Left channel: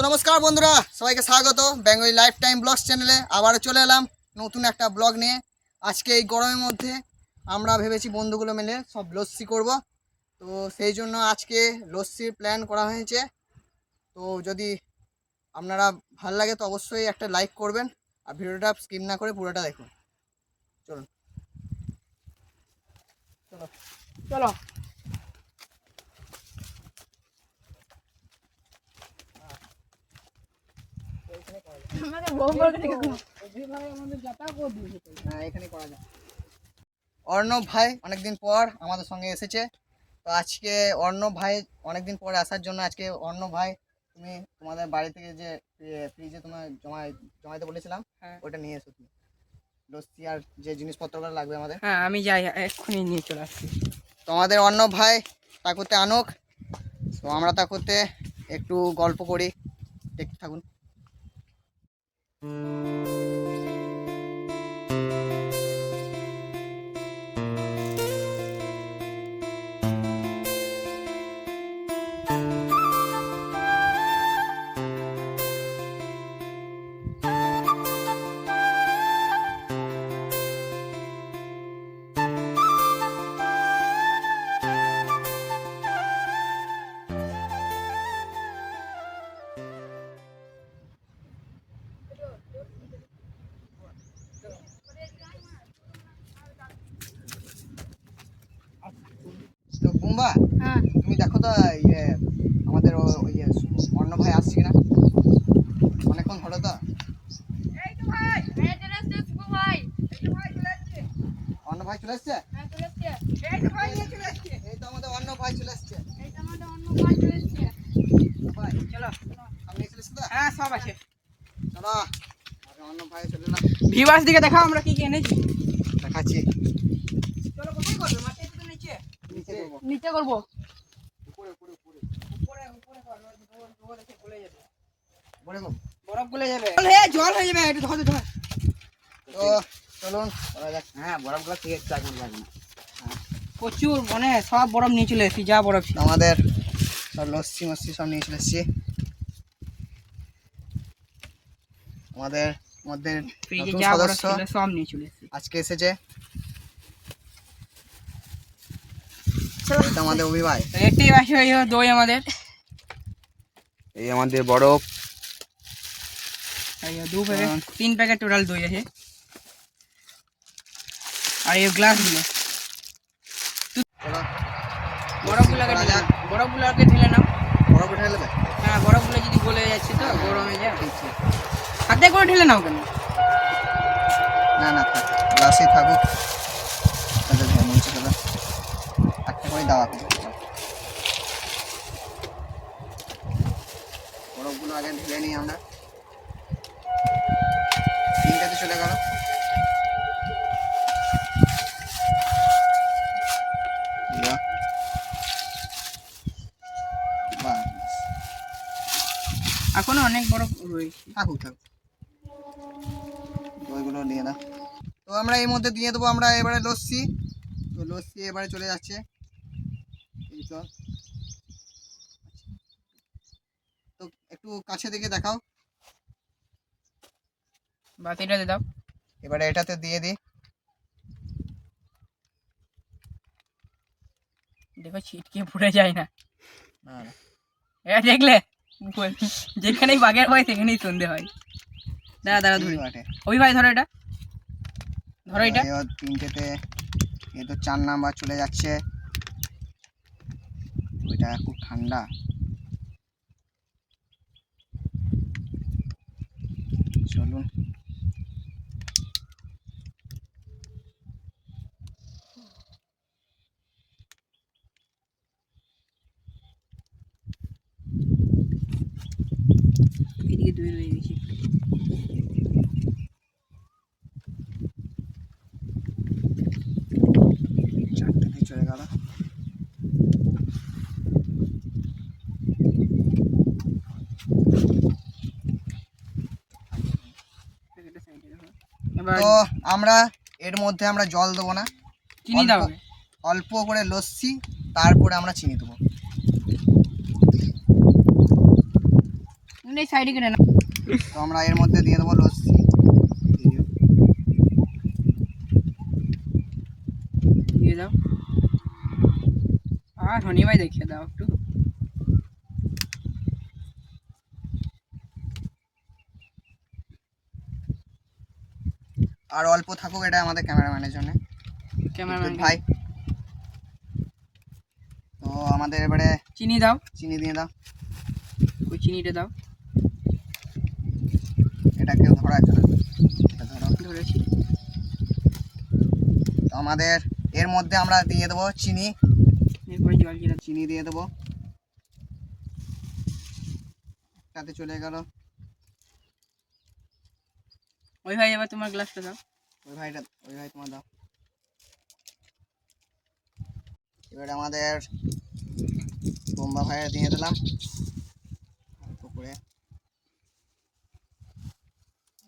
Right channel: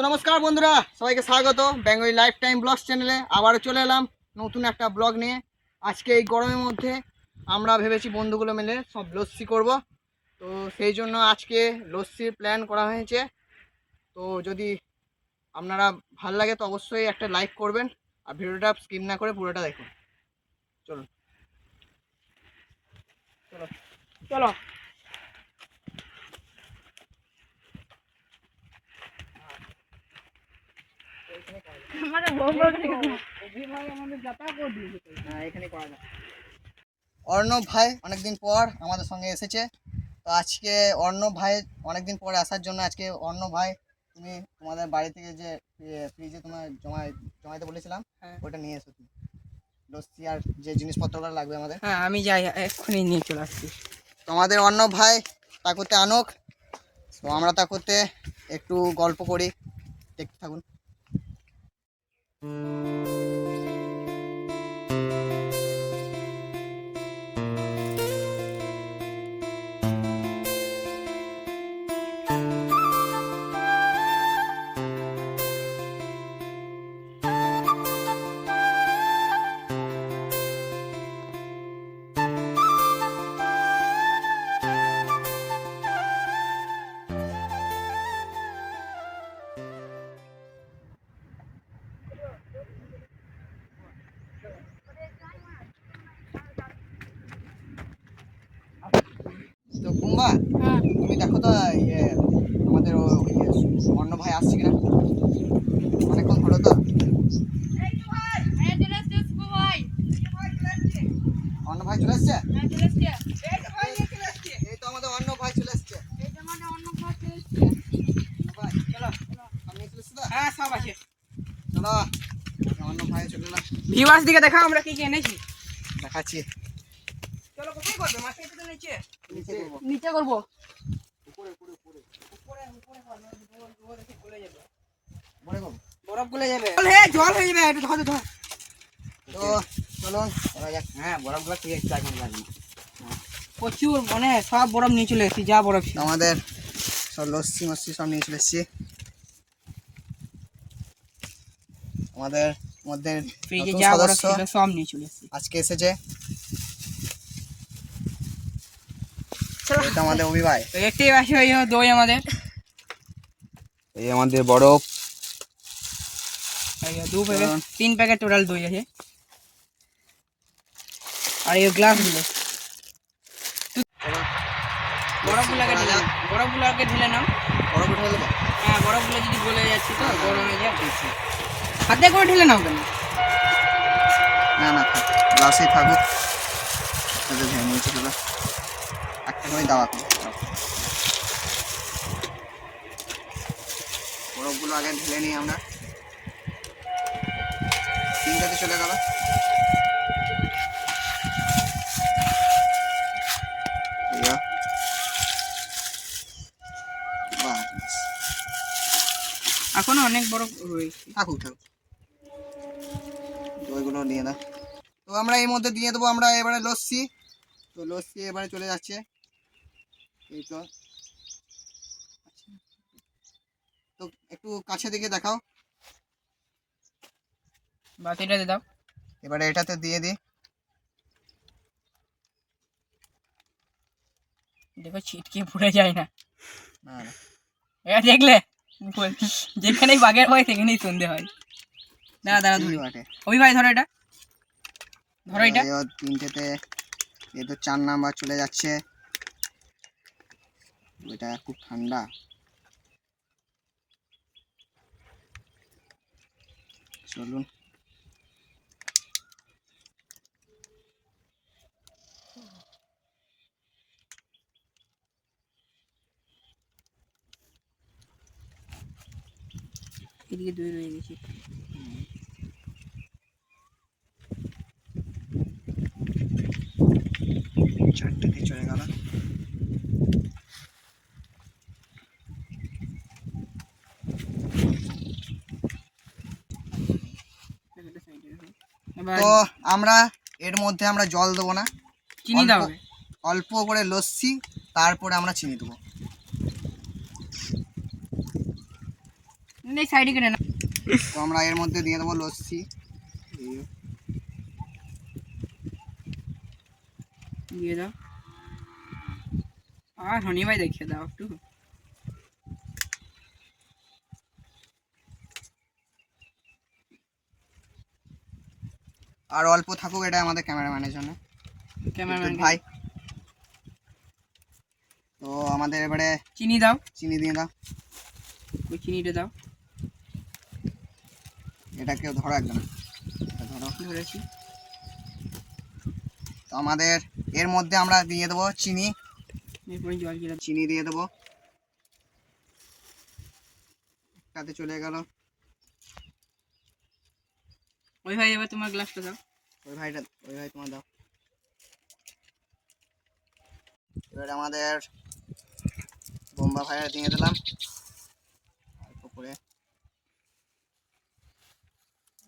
তো নমস্কার বন্ধুরা, সবাইকে স্বাগত বেঙ্গলি লাইফ টাইম ব্লগস চ্যানেলে। আবারও চলে এলাম নতুন একটা ব্লগ নিয়ে। আজকে এই গরমের মধ্যে আমরা ভেবেছি বন্ধুগুলো মিলে সব লস্যি করব। তো সেই জন্য আজকে লস্যির প্ল্যান করা হয়েছে। তো যদি আপনারা ভাল লাগে তো অবশ্যই একটা লাইক করবেন আর ভিডিওটা স্কিপ না করে পুরোটা দেখুন। চলুন চলো চলো। অর্ণব ভাই অনেকদিন পর আমাদের সঙ্গে এসেছে। তো আজকে অর্ণব ভাই অনেকদিন পরে আসার জন্য আজকে অর্ণব ভাই তুমি তোমাদের বাড়ি থেকে যে ফ্রিজে তোমার জমাইতে বলেছিলাম ওটা নিয়ে এসো তুমি, লস্যি আর যে জিনিসপত্রগুলো লাগবে আমাদের। হ্যাঁ আমি যাই, এক্ষুনি নিয়ে চলে আসছি। তোমাদের অর্ণব ভাই তা করতে আনুক, তো আমরা তা করতে একটু গল্প করি, দেখতে থাকুন। তো বুম্বা, তুমি দেখো তো আমাদের অর্ণব ভাই আসছে কিনা, অনেকক্ষণ হলো তো। অর্ণব ভাই চলে এসছে। এই তো আমাদের অর্ণব ভাই চলে এসছে। ভাই চলো, আপনি চলে এসছে তো? হ্যাঁ সব আছে। চলো অর্ণব ভাই চলে এলাম। ভিউয়ার্স দিকে দেখাও আমরা কি কি এনেছি। দেখাচ্ছি। চলো কোথায় করবে? মাঠে তো নিচে। নিচে করবো। নিচে করব। উপরে উপরে উপরে উপরে উপরে করব, জল এসে গলে যাবে। উপরে করবো। বরফ গলে যাবে। জল হয়ে যাবে, একটু ধর ধর। তো চলুন করা যাক। হ্যাঁ বরফগুলো ঠিক একটু আগে লাগবে। প্রচুর মানে সব বরফ নিয়ে চলে এসেছি, যা বরফ ছিল। আমাদের সব লস্যি মস্যি সব নিয়ে চলে এসেছি। আমাদের মধ্যে ফ্রিজে নতুন যা বরফ সদস্য ছিল সব নিয়ে চলে এসেছি। আজকে এসেছে। এটা আমাদের অভি ভাই। দেখতেই পাচ্ছ এই দই আমাদের। এই আমাদের বরফ। এই 3 প্যাকেট টোটাল দই আছে। আর এই গ্লাসগুলো বরফগুলোকে ঢেলে নাও। বরফগুলোকে ঢেলে নাও। বরফ উঠে নেবে। হ্যাঁ বরফগুলো যদি গলে যাচ্ছে তো গরম হয়ে যায়। হাতে করে ঢেলে নাও কেন? না না থাক, গ্লাসেই থাকুক। ওদের হ্যাঁ নিচে চলো, একটা করে দেওয়া হবে। বরফগুলো আগে ঢেলে নিই আমরা। তিনটাতে চলে গেল। এখনো অনেক বরফ রয়েছে। থাকুক থাকুক, ওইগুলো নিয়ে না। তো আমরা এই মধ্যে দিয়ে দেবো আমরা এবারে লস্যি। তো লস্যি এবারে চলে যাচ্ছে। এই তো একটু কাছে দিকে দেখাও। বাতিটাতে দাও। এবারে এটাতে দিয়ে দিই। দেখো ছিটকে পড়ে যায় না। না না দেখলে যেখানেই বাঘের ভয় সেখানেই সন্ধে হয়। দাঁড়া দাঁড়া ধরি। অভি ভাই ধরো এটা, ধরো এটা। তিনটেতে এ তো 4 নাম্বার চলে যাচ্ছে। ওইটা খুব ঠান্ডা। চলুন এদিকে দই রয়ে গেছে। চারটেতে চলে গেল। তো আমরা এর মধ্যে আমরা জল দেবো না, চিনি দাও। অল্প করে লস্যি, তারপরে আমরা চিনি দেবো। এই সাইডে কেটে না। তো আমরা এর মধ্যে দিয়ে দেবো লস্যি। দিয়ে দাও। আর রনি ভাই দেখিয়ে দাও একটু। আর অল্প থাকুক, এটা আমাদের ক্যামেরাম্যানের জন্য। ক্যামেরাম্যান ভাই তো আমাদের এবারে চিনি দাও। চিনি দিয়ে দাও। ওই চিনিটা দাও। এটা কেউ ধরো একটা, এটা ধরো। ধরেছি। তো আমাদের এর মধ্যে আমরা দিয়ে দেবো চিনি। এরপরে জল জিরা। চিনি দিয়ে দেবো, তাতে চলে গেল। ওই ভাই এবার তোমার গ্লাসটা দাও। ওই ভাই তোমার দাও। এবার আমাদের বোম্বা ভাইয়ের দিয়ে দিলাম অল্প করে,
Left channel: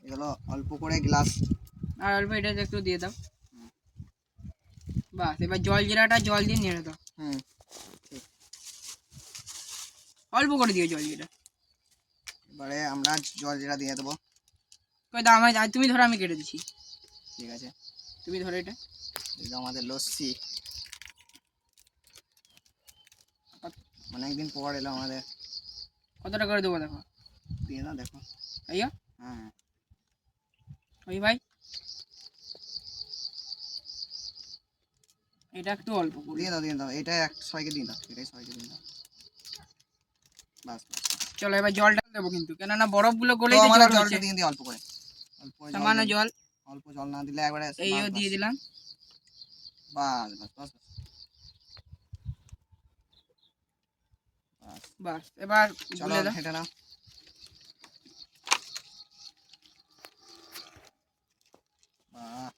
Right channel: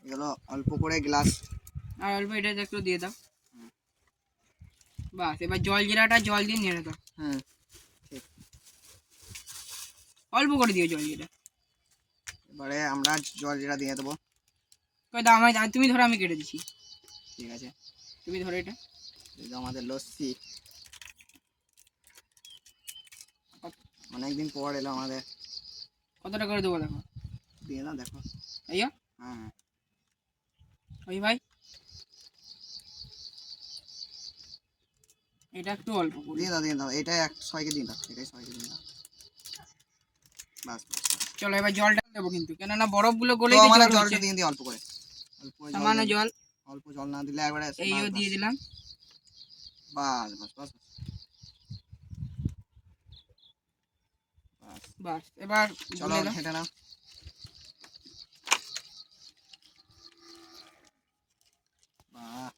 এগুলো অল্প করে গ্লাস। আর অল্প এটা একটু দিয়ে দাও। বাস, এবার জল জিরাটা জল দিয়ে নেড়ে দাও। ঠিক। অল্প করে দিও জল জিরা। এবারে আমরা জল জিরা দিয়ে দেবো। কই দাও আমায়, তুমি ধরো আমি কেটে দিচ্ছি। ঠিক আছে, তুমি ধরো এটা। এই যে আমাদের লস্যি, অনেকদিন পর এলো আমাদের। কতটা করে দেবো দেখো। দিয়ে দাও, দেখো। আইয়া হ্যাঁ ওই ভাই এটা একটু অল্প করে দিয়ে দাও, দিয়ে দাও। এটা সবাইকে দিয়ে দাও, এটাই সবাইকে দিয়ে দাও। বাস চলো এবার জলটা দেবো কিন্তু, কেননা বরফগুলো গলেই তো তো আমরা জল জলটা হচ্ছে। দিয়ে দিই অল্প করে, অল্প করে সামান্য দিই। জল অল্প জল না দিলে একবারে এইও দিয়ে দিলাম। বাস বাস বাস বাস। বাস এবার চলো গুলে দাও। ঘেঁটে নাও। বাহ,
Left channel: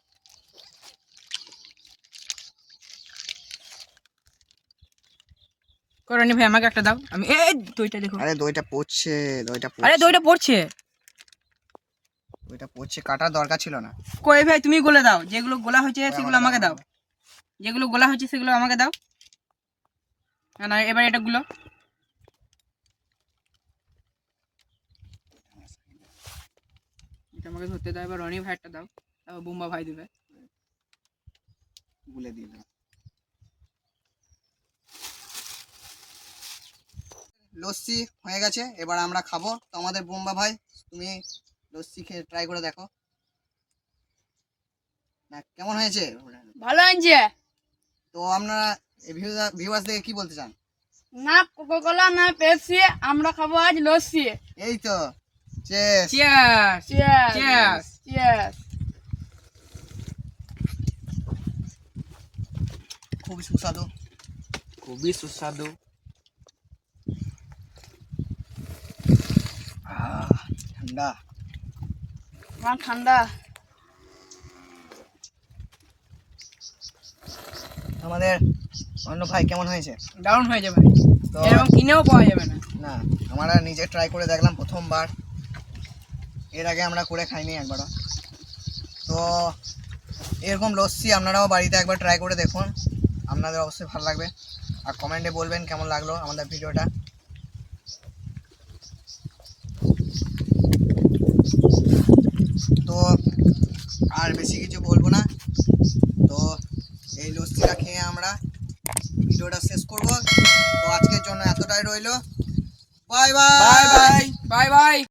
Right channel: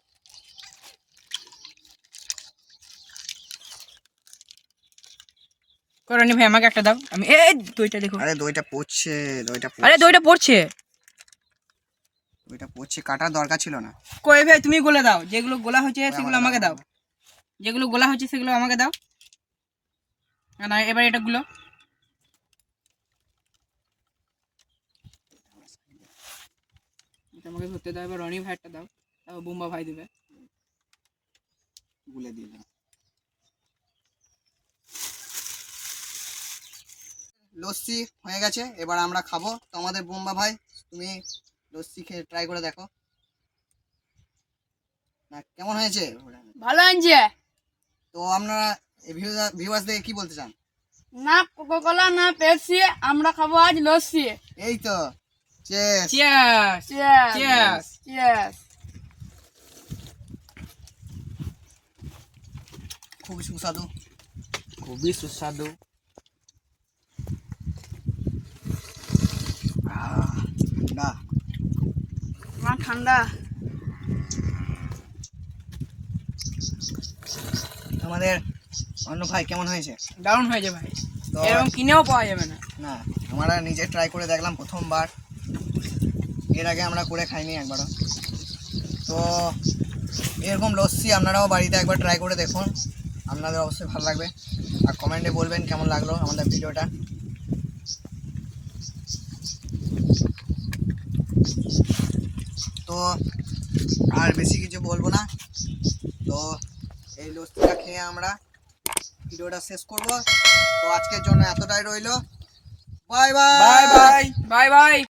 করনি ভাই আমাকে একটা দাও, আমি এই দইটা দেখো। আরে দইটা পড়ছে, আরে দইটা পড়ছে। দইটা পড়ছে, কাটার দরকার ছিল না। কই ভাই তুমি গলে দাও, যেগুলো গোলা হয়েছে ওরা সেগুলো আমাকে দাও। যেগুলো গোলা হয়েছে সেগুলো আমাকে দাও। না এবার এটা গুলো। এটা আমাকে ধরতে দাও। এবার রনি ভাইটা দাও, তারপর বুম্বা ভাই দেবে। গুলে দিয়ে দাও। লস্যি হয়ে গেছে, এবার আমরা খাবো। তো আমাদের বোম্বা ভাই, তুমি লস্যি খেয়ে ট্রাই করে দেখো না কেমন হয়েছে। ভালো হয়েছে। তো আপনারা ভিউয়ার্সদের কি বলতে চান? না কোকাকোলা না পেপসি, আমরা খাবো আজ লস্যি। এই তো চেস। Cheers cheers cheers. খুবই সুস্বাদু, খুবই সুস্বাদু। ঠান্ডা। ঠান্ডা। আমাদের অন্য ভাই কেমন হয়েছে? ডাউন হয়ে যাবে তো এরকম কিনেও পাওয়া যাবে না। না, আমরা নিজে ট্রাই করে দেখলাম প্রথমবার, এর আগে আমরা করে খাইনি একবারও। তো এরকম লস্যি আপনারাও বাড়িতে একবার ট্রাই করে দেখুন, আপনাদের অবশ্যই ভালো লাগবে। আর কমেন্টে বলবেন কেমন লাগলো আমাদের ভিডিওটা। তো আর বেশি কিছু বলবো না, তো এই লস্যিটা খেয়ে আমরা ভিডিওটা শেষ করব। তো আজকের জন্য এতটাই রইলো। Bye bye bye bye bye bye.